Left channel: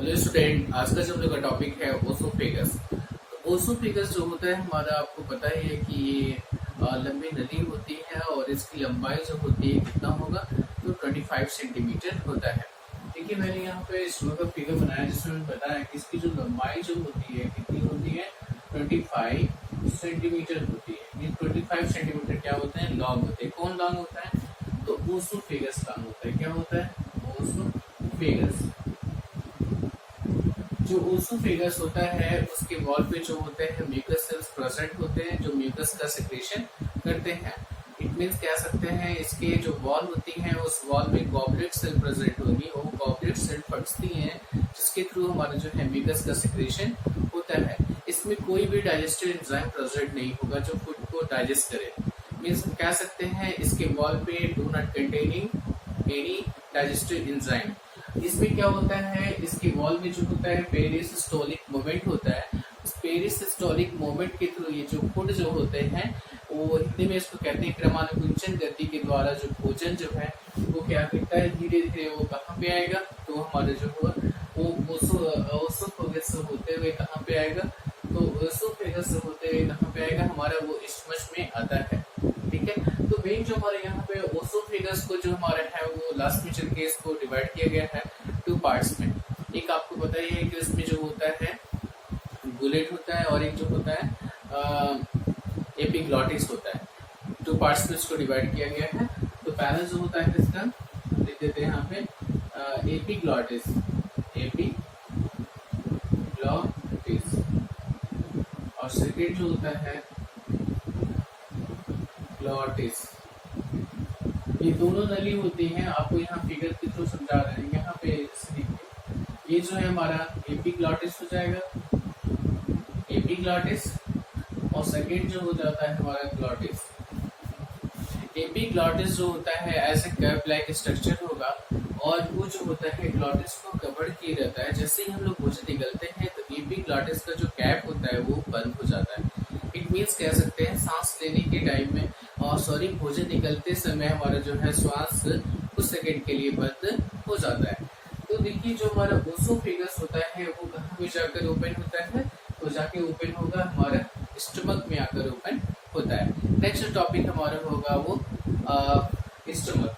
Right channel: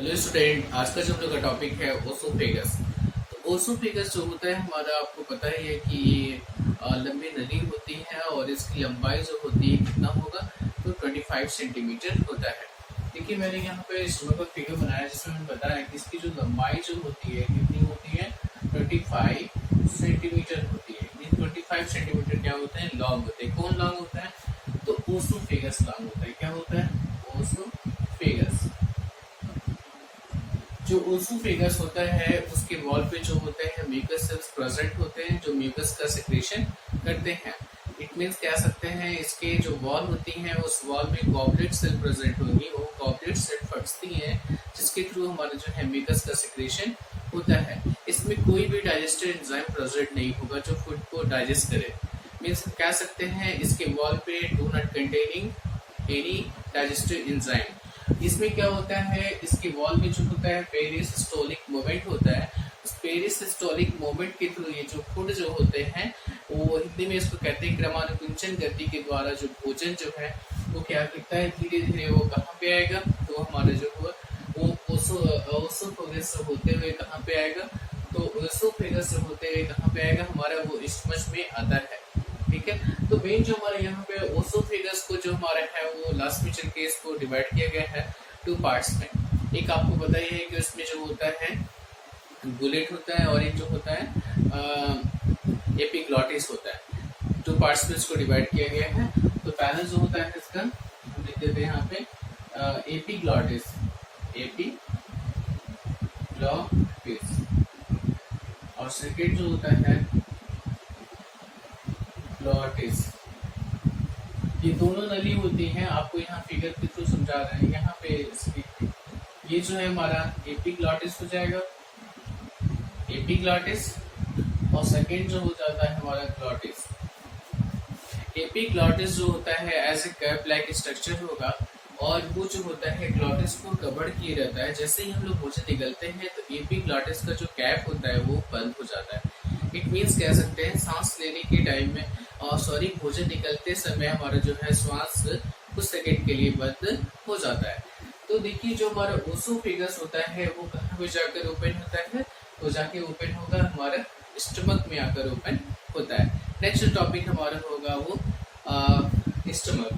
Hello student, आज का जो हम लोग का टॉपिक है ओसोफेगस। तो ओसोफेगस जो होता है हमारा, आपको पता ही है कि ये लंबी नली होती है और इसकी लंबाई जो होती है कितना होगा, तो 25 सेंटीमीटर होता है। देखिए मैंने यहाँ पे स्टोर का फिगर बनाया जिसमें मैंने बताया कि इसकी जो लंबाई जो होती है कितनी होती है, 25 सेंटीमीटर होती है। ये 25 सेंटीमीटर क्या होते हैं, लॉन्ग होते हैं। कौन लॉन्ग होता है, तो ओसोफेगस लॉन्ग होता है। क्या होता है, ओसोफेगस। जो ओसोफेगस होता है उसके वॉल पे जो होते हैं म्यूकस सेल्स प्रेजेंट होते हैं, जो म्यूकस का सिक्रेशन करते हैं। इट मीन्स कह सकते हैं इसके जो वॉल होती हैं उस वॉल में गॉबलेट सेल प्रेजेंट होंगी और वो गॉबलेट सेल फटती हैं जिसके थ्रू हमारा जो है म्यूकस का सिक्रेशन होता है। इसमें कोई भी डाइजेस्टिव एंजाइम प्रेजेंट नहीं होगा जो फूड को डाइजेस्ट करे। मीन्स हम कह सकते हैं इसके वॉल पे do not containing any digestive enzyme. इसमें क्या होता है, इसके वॉल में जो होता है पेरिसिस्टोलिक मूवमेंट होता है। उस पेरिसिस्टोलिक मूवमेंट के थ्रू ये जो फूड जो होते हैं वो हिंदी में इसको कहते हैं क्रमानुकुंचन गति के द्वारा जो भोजन जो है वो क्या करता है, धीरे धीरे वो कहाँ पे आएगा, तो हमारे जो होगा वो ओसोफेगस होते हुए कहाँ पे आएगा, तो ओसोफेगस होते हुए कहाँ पे आएगा, हमारा वो स्टमच में आता है। ठीक है, तो मेन जो हमारे यहाँ पे ओसोफेगस को जो हमारा है वो लास्ट में चल के इसको डिवाइड किया गया है टू पार्ट्स में। एक आपको पता ही है कि उसमें जो होता है बुलेट होता है और एक जो होता है एपिग्लॉटिस होता है। टू पार्ट्स में इसको डिवाइड किया गया है। तो पहला जो होता है इसका लिख देते हैं यहाँ पे एपिग्लॉटिस, एपिग्लॉटिस। और सेकेंड जो होता है ग्लॉटिस। ये दोनों नली होती हैं, आपको यहाँ फिगर के थ्रू समझा रहे हैं। यहाँ पे ये जो है हमारा एपिग्लॉटिस हो जाएगा, एपिग्लॉटिस। और सेकेंड जो हो जाता है हमारा ग्लॉटिस। एपिग्लॉटिस जो होता है ऐसे कैप लाइक स्ट्रक्चर होगा और वो जो होता है ग्लॉटिस को कवर किए रहता है। जैसे ही हम लोग भोजन निकलते हैं तो एपिग्लॉटिस का जो कैप होता है वो बंद हो जाता है। इट मीन्स कह सकते हैं सांस लेने के टाइम में भोजन निकलते समय हमारा जो है श्वास कुछ सेकंड के लिए बंद हो जाता है। तो देखिए जो हमारा ओसोफेगस होता है वो कहाँ पे जाकर ओपन होता है, तो जाके ओपन होगा हमारा स्टमक में आकर ओपन होता है। नेक्स्ट टॉपिक हमारा होगा वो स्टमक।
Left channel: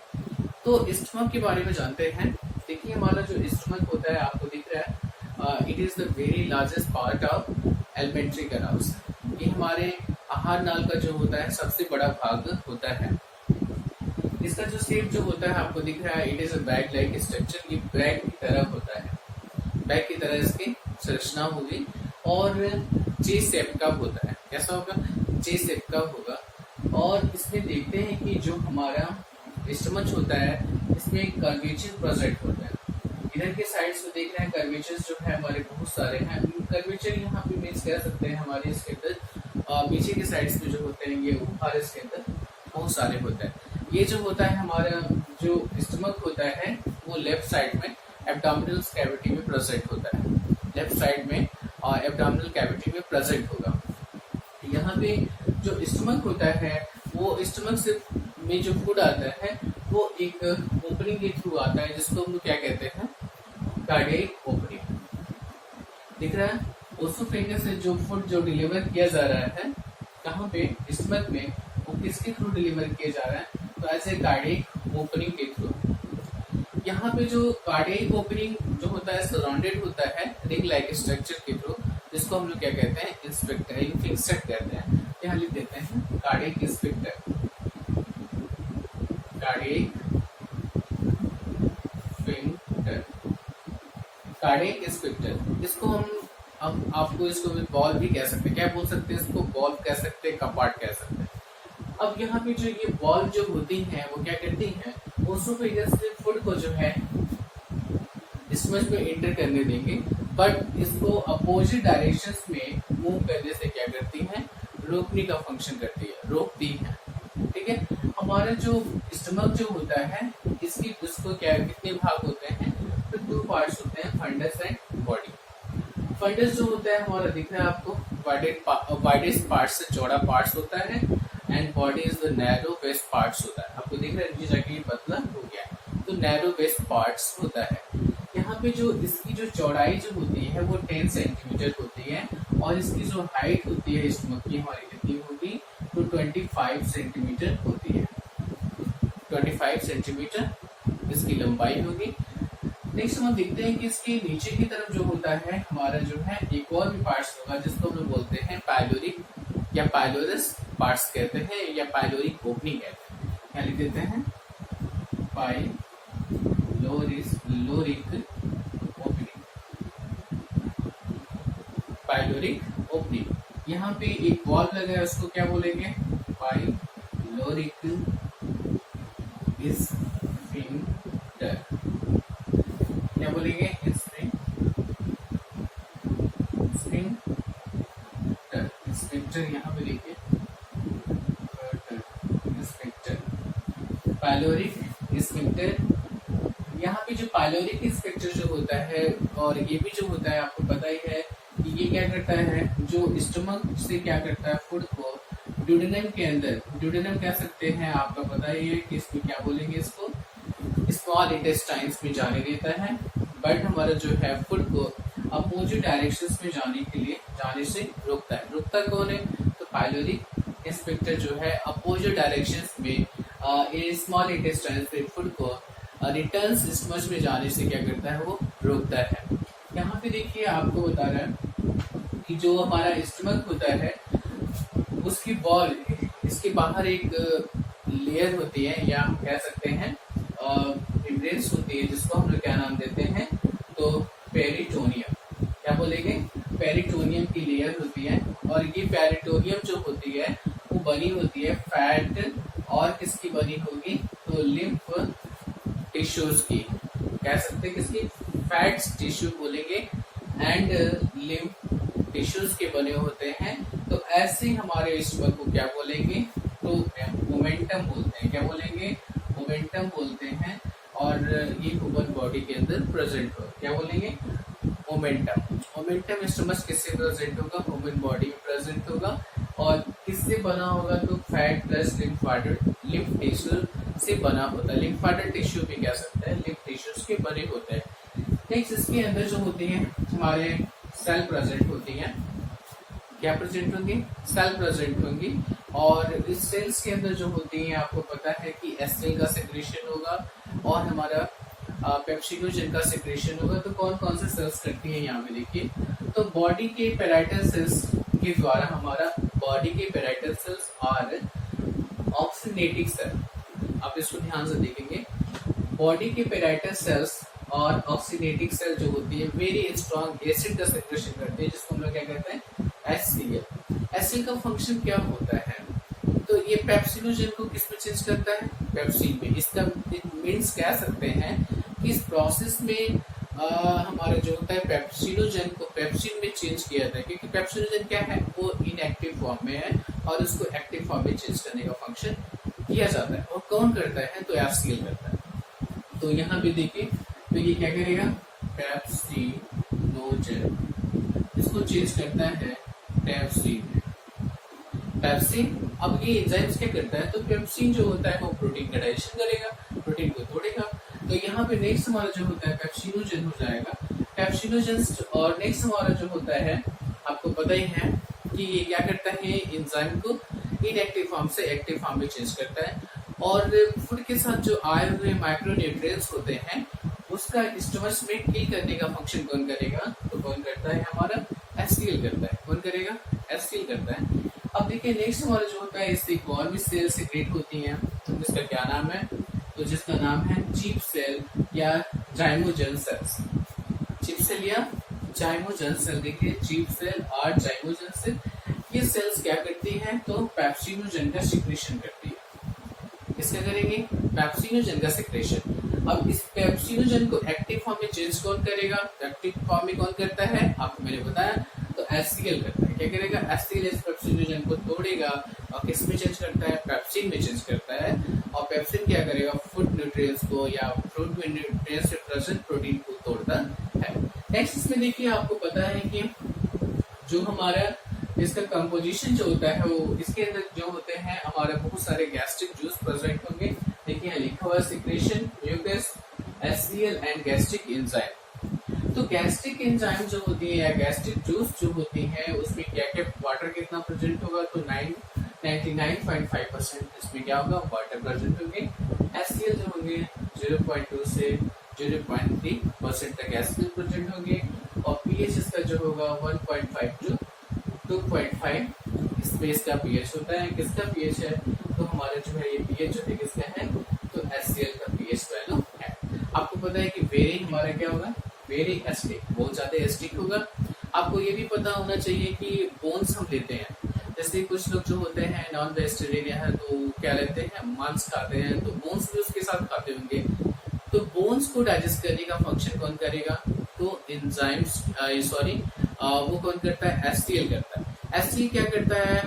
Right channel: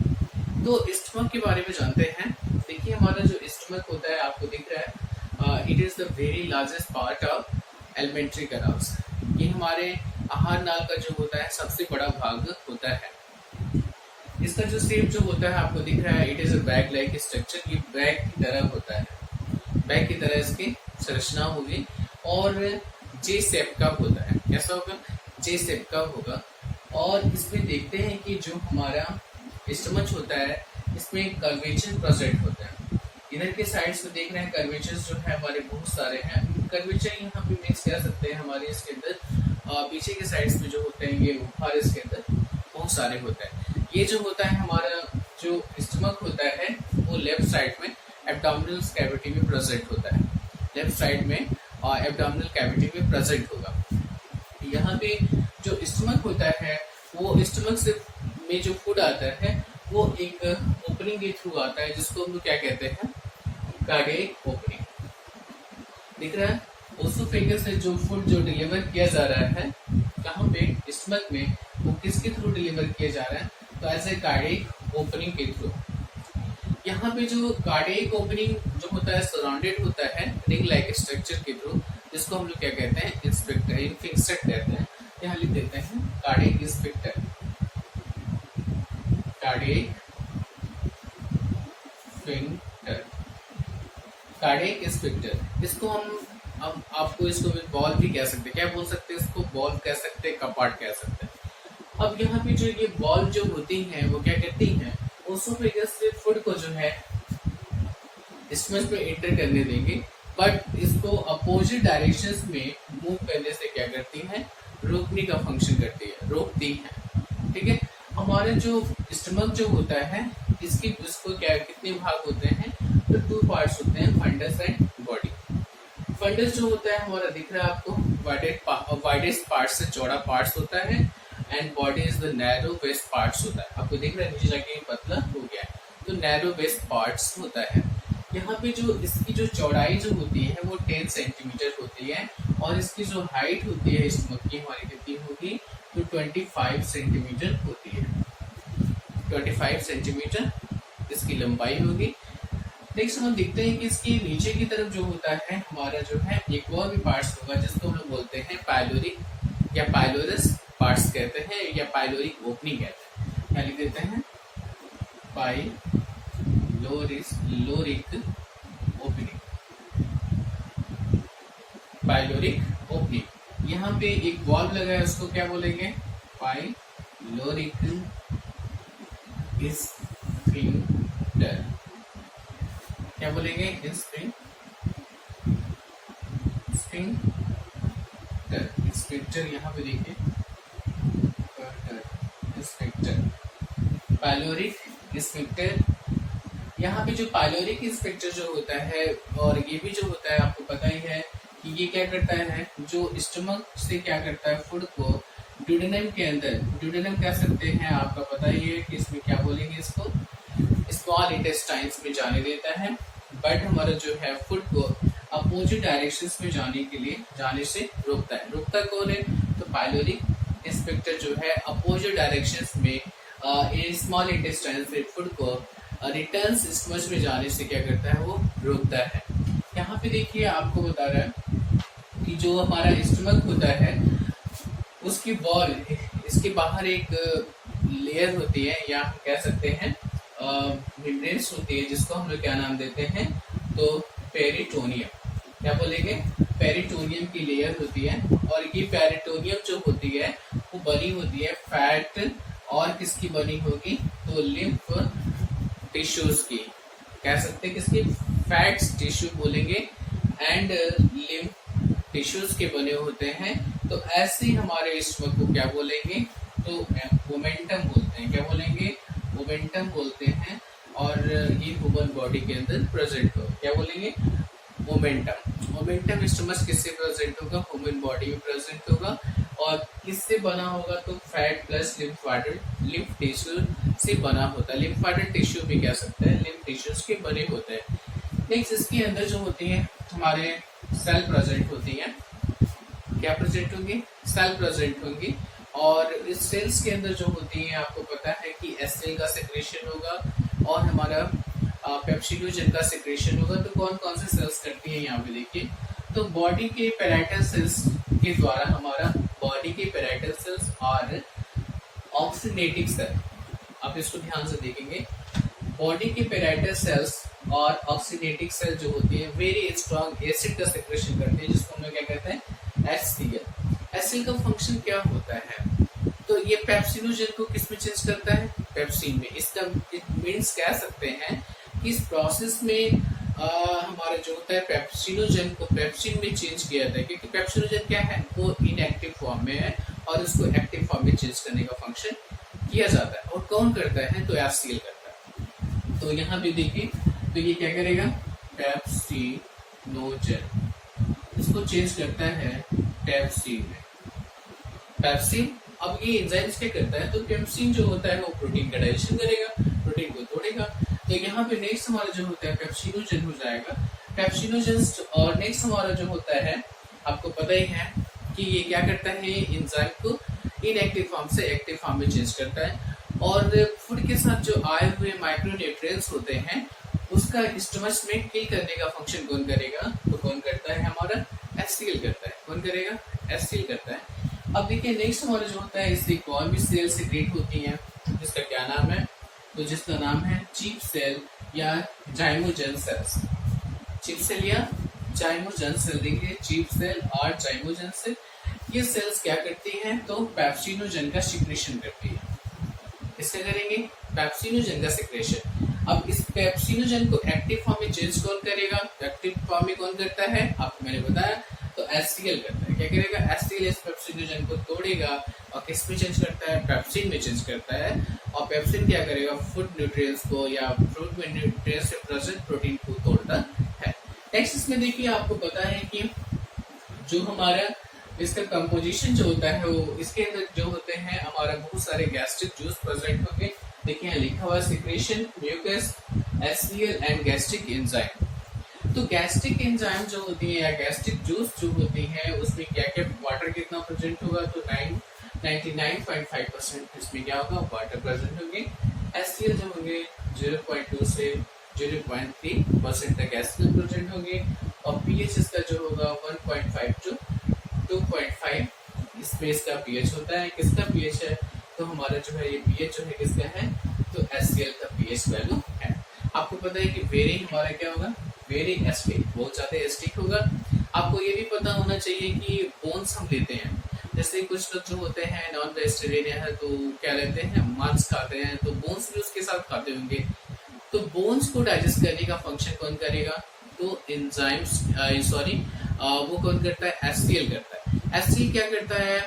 तो स्टमक के बारे में जानते हैं। देखिए हमारा जो स्टमक होता है आपको दिख रहा है, it is the very largest part of alimentary canals. ये हमारे आहार नाल का जो होता है सबसे बड़ा भाग होता है। इसका जो शेप जो होता है आपको दिख रहा है, it is a bag like structure. ये बैग की तरह होता है, बैग की तरह इसकी संरचना होगी और जे शेप का होता है। कैसा होगा, जे शेप का होगा। और इसमें देखते हैं कि जो हमारा स्टमच होता है इसमें कर्वेचर प्रेजेंट होता है। इधर के साइड्स में देख रहे हैं कर्वेचर्स जो है हमारे बहुत सारे हैं। कर्वेचर यहाँ पे मीन्स कह सकते हैं हमारे इसके अंदर पीछे के साइड्स में जो होते हैं ये उभार इसके अंदर बहुत सारे होते हैं। ये जो होता है हमारा जो स्टमक होता है वो लेफ्ट साइड में एब्डोमिनल कैविटी में प्रेजेंट होता है। लेफ्ट साइड में एब्डोमिनल कैविटी में प्रेजेंट होगा। यहाँ पे जो स्टमक होता है वो स्टमक से में जो फूड आता है वो एक ओपनिंग के थ्रू आता है जिसको हम लोग क्या कहते हैं, कार्डियक ओपनिंग। दिख रहा है, ओसोफेगस से जो फूड जो डिलीवर किया जा रहा है कहाँ पे, स्टमक में, वो किसके थ्रू डिलीवर किया जा रहा है, तो एज ए कार्डियक ओपनिंग के थ्रू। यहाँ पे जो कार्डियक ओपनिंग जो होता है सराउंडेड होता है रिंग लाइक स्ट्रक्चर के थ्रू, जिसको हम लोग क्या कहते हैं, इंस्पेक्टर, इन्फिक्सेट कहते हैं। यहाँ लिख देते हैं cardiac inspector, cardiac sphincter, cardiac inspector. इसको हम अब आपको इसको बॉल भी कह सकते हैं। क्या बोल सकते हैं इसको, बॉल कह सकते हैं, कपाट कह सकते हैं। अब यहाँ पे जो ये बॉल जो होती हैं वो क्या करती हैं, ओसोफेगस से फूड को जो है स्टमच में एंटर करने देंगे, बट इसको अपोजिट डायरेक्शंस में मूव करने से क्या करती हैं, रोकने का फंक्शन करती है, रोकती हैं। ठीक है, हमारे जो स्टमक जो होता है इसको क्या कितने भाग होते हैं, तो 2 पार्ट्स होते हैं, फंडस एंड बॉडी। फंडस जो होता है हमारा दिख रहा है आपको, वाइडेस्ट पार्ट से चौड़ा पार्ट्स होता है and body is the narrow waist parts होता है। आपको दिख रहा है नीचे जाके पतला हो गया है, तो नैरो वेस्ट पार्ट्स होता है। यहाँ पे जो इसकी जो चौड़ाई जो होती है वो 10 सेंटीमीटर होती है, और इसकी जो हाइट होती है स्टमक की हमारी कितनी होगी, तो 25 सेंटीमीटर होती है। 25 सेंटीमीटर इसकी लंबाई होगी। नेक्स्ट हम देखते हैं कि इसकी नीचे की तरफ जो होता है हमारा जो है एक और भी पार्ट्स होगा, जिसको हम लोग बोलते हैं पाइलोरिक या पाइलोरस पार्ट्स कहते हैं, या पाइलोरिक ओपनिंग कहते हैं। क्या लिख देते हैं, लोरिक ओपनिंग, पाइलोरिक ओपनिंग। यहाँ पे एक वॉल्व लगा है, उसको क्या बोलेंगे, पाइलोरिक स्फिंक्टर। क्या बोलेंगे, स्फिंक्टर। यहाँ पे देखिए स्फिंक्टर, पाइलोरिक स्फिंक्टर। यहाँ पे जो पाइलोरिक स्फिंक्टर जो होता है, और ये भी जो होता है आपको पता ही है कि ये क्या करता है, जो स्टमक से क्या करता है, फूड को ड्यूडेनम के अंदर, ड्यूडेनम कह सकते हैं, आपका पता ही है कि इसमें क्या बोलेंगे, इसको स्मॉल इंटेस्टाइन्स में जाने देता है, बट हमारा जो है फूड को अपोजिट डायरेक्शंस में जाने से रोकता है। रोकता कौन है, तो पाइलोरिक स्फिंक्टर जो है अपोजिट डायरेक्शंस में स्मॉल इंटेस्टाइन से फूड को रिटर्न स्टमच में जाने से क्या करता है, वो रोकता है। यहाँ पे देखिए आपको बता रहा है कि जो हमारा स्टमक होता है उसकी बॉल, इसके बाहर एक लेयर होती है, या हम कह सकते हैं मेम्ब्रेन्स होती है, जिसको हम लोग क्या नाम देते हैं, तो पेरिटोनियम। क्या बोलेंगे, पेरिटोनियम की लेयर होती है, और ये पेरिटोनियम जो होती है वो बनी होती है फैट, और किसकी बनी होगी, तो लिम्फ टिश्यूज की, कह सकते हैं किसकी, फैट्स टिश्यू बोलेंगे, एंड लिम्फ टिश्यूज के बने होते हैं। तो ऐसे हमारे स्टमक को क्या बोलेंगे, तो मोमेंटम बोलते हैं। क्या बोलेंगे, मोमेंटम बोलते हैं, और ये ह्यूमन बॉडी के अंदर प्रेजेंट हो, क्या बोलेंगे, मोमेंटम स्टमक किससे प्रेजेंट होगा, ह्यूमन बॉडी में प्रेजेंट होगा, और किससे बना होगा, तो फैट प्लस लिम्फ टिश्यू से बना होता है। लिम्फाटिक टिश्यू भी कह सकते हैं, लिम्फ टिश्यूज के बने होते हैं। नेक्स्ट इसके अंदर जो होती है हमारे सेल प्रेजेंट होती हैं। क्या प्रेजेंट होंगी, सेल प्रेजेंट होंगी, और इस सेल्स के अंदर जो होती हैं आपको पता है कि एसिल का सेक्रेशन होगा, और हमारा पेप्सिडोजन का सेक्रेशन होगा। तो कौन कौन से सेल्स करती हैं, यहाँ पे देखिए, तो बॉडी के पेराइटल सेल्स के द्वारा, हमारा बॉडी के पेराइटल सेल्स और ऑक्सीनेटिक सेल, आप इसको ध्यान से देखेंगे, बॉडी के पेराइटल सेल्स और ऑक्सीनेटिक सेल जो होती है वेरी स्ट्रॉन्ग एसिड का सेक्रेशन करती है, जिसको हम लोग क्या कहते हैं, HCl। एसिड का फंक्शन क्या होता है, तो ये पेप्सिनोजन को किस में चेंज करता है, पेप्सिन में। इसका मीन्स कह सकते हैं कि इस प्रोसेस में हमारा जो होता है पेप्सिनोजन को पेप्सिन में चेंज किया जाता है, क्योंकि पेप्सिनोजन क्या है, वो इनएक्टिव फॉर्म में है, और उसको एक्टिव फॉर्म में चेंज करने का फंक्शन किया जाता है। और कौन करता है, तो HCl करता है। तो यहाँ पे देखिए, तो ये क्या करेगा, पेप्सिनोजन इसको चेंज करता है पेप्सिन में। पेप्सिन, अब ये एंजाइम्स क्या करता है, तो पेप्सिन जो होता है वो प्रोटीन का डाइजेशन करेगा, प्रोटीन को तोड़ेगा। तो यहाँ पे नेक्स्ट हमारा जो होता है पेप्सिनोजन हो जाएगा, पेप्सिनोजन। और नेक्स्ट हमारा जो होता है आपको पता ही है कि ये क्या करता है, एंजाइम को इनएक्टिव फॉर्म से एक्टिव फॉर्म में चेंज करता है, और फूड के साथ जो आए हुए माइक्रोन्यूट्रिएंट्स होते हैं उसका स्टमच में किल करने का फंक्शन कौन करेगा, तो कौन करता है, हमारा HCl करता है। कौन करेगा, HCl करता है। अब देखिए नेक्स्ट हमारा जो होता है, इससे और भी सेल सीक्रेट होती हैं, जिसका क्या नाम है, तो जिसका नाम है चीफ सेल या जाइमोजन सेल्स। चीफ सेल या जाइमोजन सेल, देखिए चीफ सेल और जाइमोजन सेल, ये सेल्स क्या करती हैं, तो पेप्सिनोजन का सिक्रेशन करती है। इसका करेंगे, पेप्सिनोजन का सिक्रेशन। अब इस पेप्सिनोजन को एक्टिव फॉर्म में चेंज कौन करेगा, एक्टिव फॉर्म में कौन करता है, आपको मैंने बताया, तो HCl करता है। क्या करेगा, HCl इस पेप्सिनोजन को तोड़ेगा, और किस में चेंज करता है, पेप्सिन में चेंज करता है। और पेप्सिन क्या करेगा, फूड न्यूट्रिएंट्स को या फ्रूट में न्यूट्रिएंट्स से प्रेजेंट प्रोटीन को तोड़ता है। नेक्स्ट इसमें देखिए आपको पता है कि जो हमारा इसका कंपोजिशन जो होता है, वो इसके अंदर जो होते हैं हमारा बहुत सारे गैस्ट्रिक जूस प्रेजेंट होंगे। देखिए यहाँ लिखा हुआ है secretion, mucus HCl and gastric enzyme. तो गैस्ट्रिक एंजाइम जो होती है या गैस्ट्रिक जूस जो होती है उसमें क्या क्या वाटर कितना प्रेजेंट होगा, तो 99.5% इसमें क्या होगा, वाटर प्रेजेंट होंगे। HCl जो होंगे 0.2 से 0.3% तक HCl प्रेजेंट होंगे और pH इसका जो होगा 1.5 टू 2.5 स्पेस का pH होता है। किसका pH है, तो हमारा जो है ये pH जो है किसका है, तो HCl का pH वैल्यू है। आपको पता है कि वेरी हमारा क्या होगा, वेरी एसिडिक, बहुत ज्यादा एसिडिक होगा। आपको ये भी पता होना चाहिए कि बोन्स हम लेते हैं, जैसे कुछ लोग जो होते हैं नॉन वेजिटेरियन है तो क्या लेते हैं, मांस खाते हैं, तो बोन्स भी उसके साथ खाते होंगे। तो बोन्स को डाइजेस्ट करने का फंक्शन कौन करेगा, तो एंजाइम्स वो कौन करता है, HCl करता है। HCl क्या करता है,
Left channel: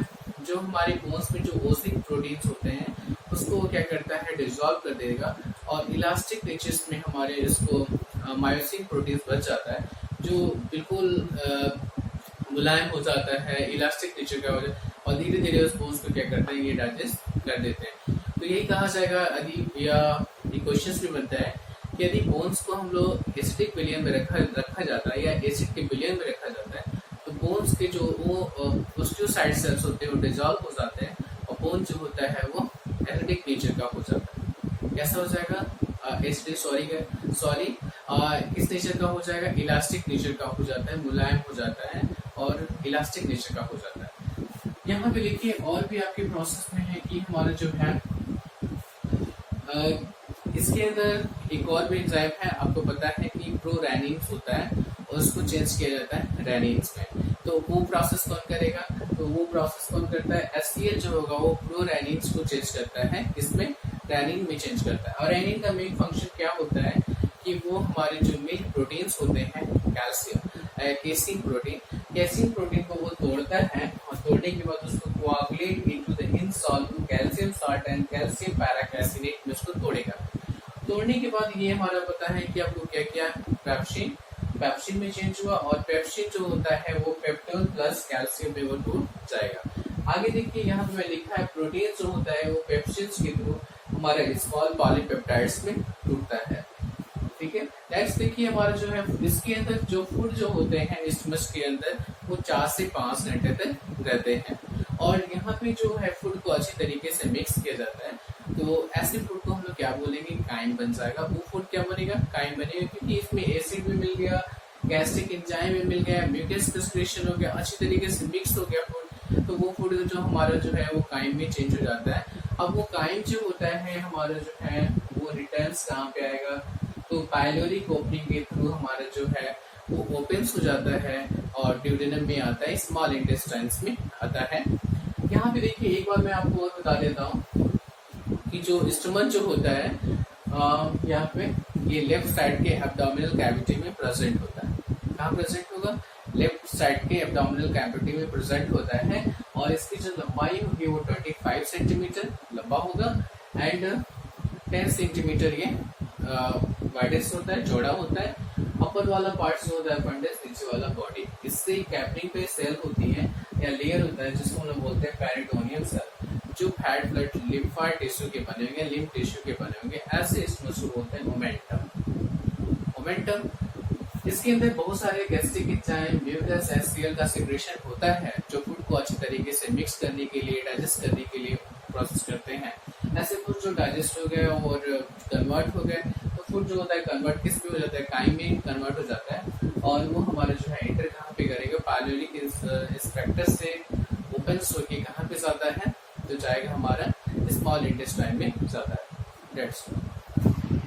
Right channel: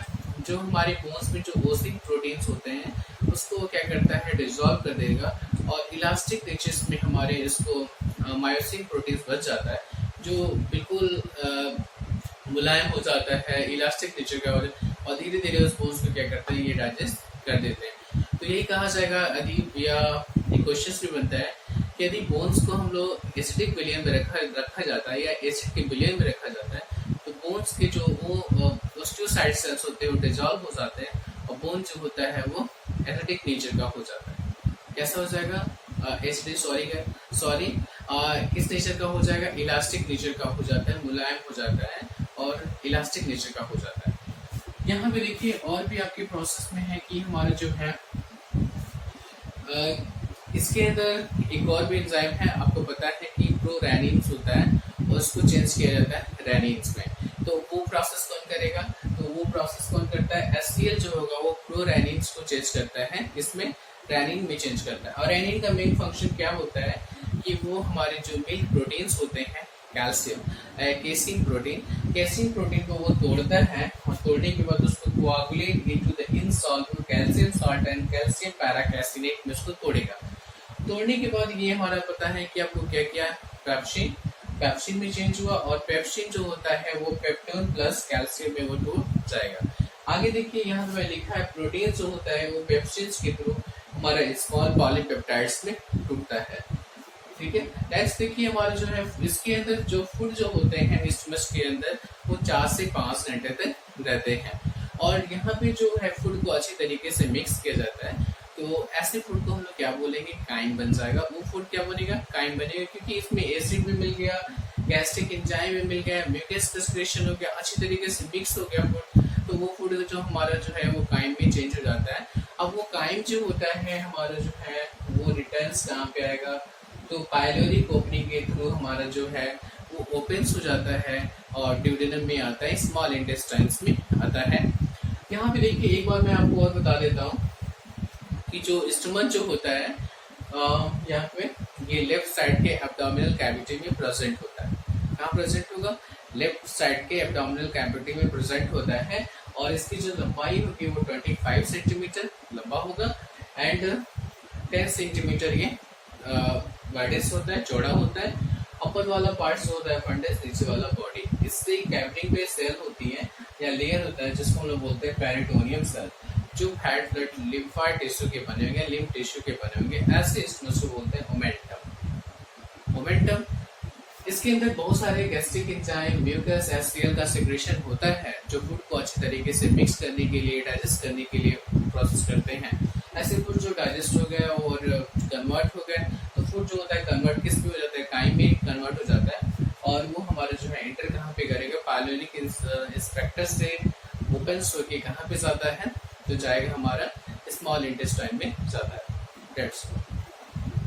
जो हमारे बोन्स में जो ओसिक प्रोटीन्स होते हैं उसको क्या करता है, डिसॉल्व कर देगा और इलास्टिक नेचर्स में हमारे इसको मायोसिन प्रोटीन्स बच जाता है, जो बिल्कुल मुलायम हो जाता है, इलास्टिक नेचर का हो जाता है और धीरे धीरे उस बोन्स को क्या करते हैं, ये डाइजेस्ट कर देते हैं। तो यही कहा जाएगा यदि या एक क्वेश्चन भी बनता है कि यदि बोन्स को हम लोग एसिडिक विलियन में रखा जाता है या एसिड के विलियन में रखा जाता है तो बोन्स के जो वो ओस्टियोसाइड सेल्स होते हैं वो डिजॉल्व हो जाते हैं और बोन जो होता है वो एसिडिक नेचर का हो जाता है। कैसा हो जाएगा, एसिडिक सॉरी किस नेचर का हो जाएगा, इलास्टिक नेचर का हो जाता है, मुलायम हो जाता है और इलास्टिक नेचर का हो जाता है। यहाँ पे देखिए और भी आपके प्रोसेस में है कि हमारा जो है इसके अंदर एक और भी एंजाइम है, आपको पता है कि प्रोरैनिन्स होता है और उसको चेंज किया जाता है रैनिन्स में। तो वो प्रोसेस कौन करेगा, तो वो प्रोसेस कौन करता है, HCl जो होगा वो प्रोरैनिन्स को चेंज करता है, इसमें रैनिन में चेंज करता है। और रैनिन का मेन फंक्शन क्या होता है कि वो हमारे जो मिल्क प्रोटीन्स होते हैं, कैल्शियम केसिन प्रोटीन को वो तोड़ता है और तोड़ने के बाद उसको coagulate into the insoluble calcium salt and calcium paracaseinate में उसको तोड़ेगा। तोड़ने के बाद ये हमारा पता है कि आपको क्या किया, पेप्सिन में चेंज हुआ और पेप्सिन जो होता है वो पेप्टोन प्लस कैल्शियम में वो टूट जाएगा। आगे देखिए यहाँ पे लिखा है प्रोटीन जो होता है वो पेप्सिन के थ्रू हमारा स्मॉल पॉलीपेप्टाइड्स में टूटता है। ठीक है, नेक्स्ट देखिए हमारा जो है इसके अंदर जो फूड जो होते हैं स्टमच के अंदर वो 4 से 5 घंटे तक रहते हैं और यहाँ पे जो है फूड को अच्छी तरीके से मिक्स किया जाता है। तो ऐसे फूड को हम लोग क्या बोलेंगे, काइम बन जाएगा। वो फूड क्या बनेगा, काइम बनेगा, क्योंकि इसमें एसिड भी मिल गया, गैस्ट्रिक एंजाइम भी मिल गया, म्यूकस क्रिस्टलेशन हो गया, अच्छी तरीके से मिक्स हो गया फूड। तो वो फूड जो हमारा जो है वो काइम में चेंज हो जाता है। अब वो काइम जो होता है हमारा जो है वो रिटर्न्स कहाँ पे आएगा, तो पाइलोरिक ओपनिंग के थ्रू हमारा जो है वो ओपन्स हो जाता है और ड्यूडेनम में आता है, स्मॉल इंटेस्टाइन्स में आता है। यहाँ पे देखिए एक बार मैं आपको और बता देता हूँ कि जो स्टमक जो होता है यहाँ पे ये लेफ्ट साइड के एब्डोमिनल कैविटी में प्रेजेंट होता है। कहाँ प्रेजेंट होगा, लेफ्ट साइड के एब्डोमिनल कैविटी में प्रेजेंट होता है और इसकी जो लंबाई होगी वो 25 सेंटीमीटर लंबा होगा एंड 10 सेंटीमीटर ये वाइडेस्ट होता है, चौड़ा होता है। अपर वाला पार्ट जो होता है फंडस, नीचे वाला बॉडी, इससे कैवरिंग पे सेल होती है या लेयर होता है जिसको हम लोग बोलते हैं पेरिटोनियम सेल, जो फैट ब्लड लिम्फाइड टिश्यू के बने होंगे, लिम्फ टिश्यू के बने होंगे। ऐसे इसमें उसको बोलते हैं मोमेंटम। इसके अंदर बहुत सारे गैस्ट्रिक एंजाइम, म्यूकस, HCl का सिक्रेशन होता है जो फूड को अच्छी तरीके से मिक्स करने के लिए, डाइजेस्ट करने के लिए प्रोसेस करते हैं। ऐसे फूड जो डाइजेस्ट हो गए और कन्वर्ट हो गए तो फूड जो होता है कन्वर्ट किस में हो जाता है, काइम में कन्वर्ट हो जाता है और वो हमारा जो है एंटर कहाँ पे करेगा, पाइलोरिक स्पेक्टर से ओपन होके कहाँ पे जाता है, तो जाएगा हमारा स्मॉल इंटेस्टाइन में जाता है। डेट्स